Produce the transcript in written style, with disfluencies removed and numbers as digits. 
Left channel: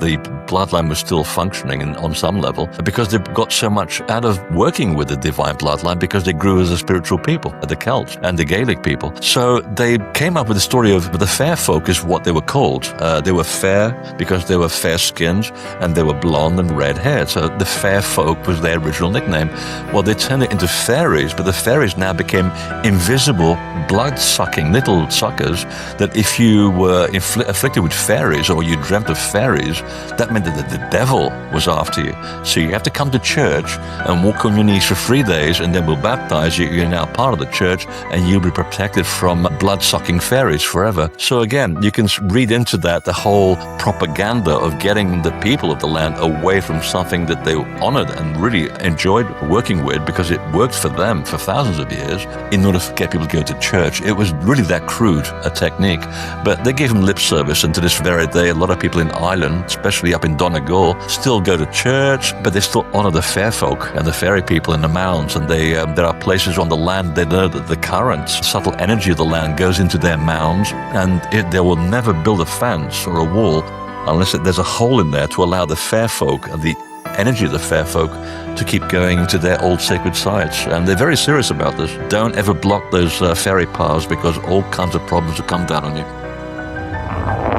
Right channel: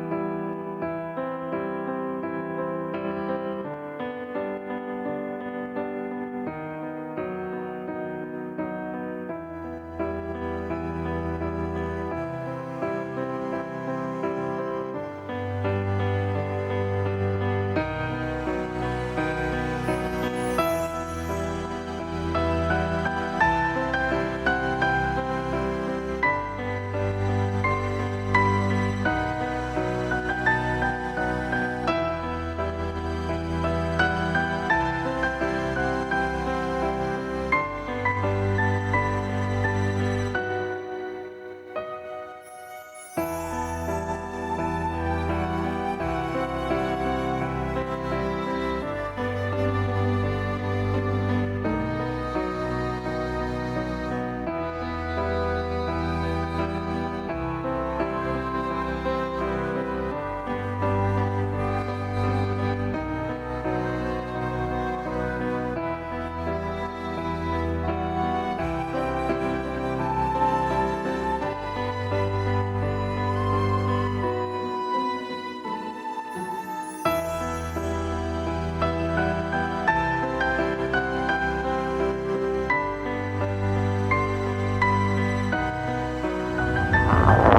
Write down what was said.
the bloodline was still functioning on some level, because they got so much out of working with the divine bloodline, because they grew as a spiritual people, the Celts and the Gaelic people. So they came up with the story of the fair folk is what they were called. They were fair because they were fair-skinned and they were blonde and red-haired. So the fair folk was their original nickname. Well, they turned it into fairies, but the fairies now became invisible, blood-sucking little suckers that if you were afflicted with fairies or you dreamt of fairies, that meant that the devil was after you. So you have to come to church and walk on your knees for 3 days, and then we'll baptize you. You're now part of the church, and you'll be protected from blood-sucking fairies forever. So again, you can read into that the whole propaganda of getting the people of the land away from something that they honored and really enjoyed working with, because it worked for them for thousands of years, in order to get people to go to church. It was really that crude a technique. But they gave them lip service, and to this very day, a lot of people in Ireland, especially up in Donegal, still go to church, but they still honor the fair folk and the fairy people in the mounds. And there are places on the land they know that the currents, subtle energy of the land goes into their mounds, and they will never build a fence or a wall unless there's a hole in there to allow the fair folk, the energy of the fair folk, to keep going to their old sacred sites. And they're very serious about this. Don't ever block those fairy paths, because all kinds of problems will come down on you.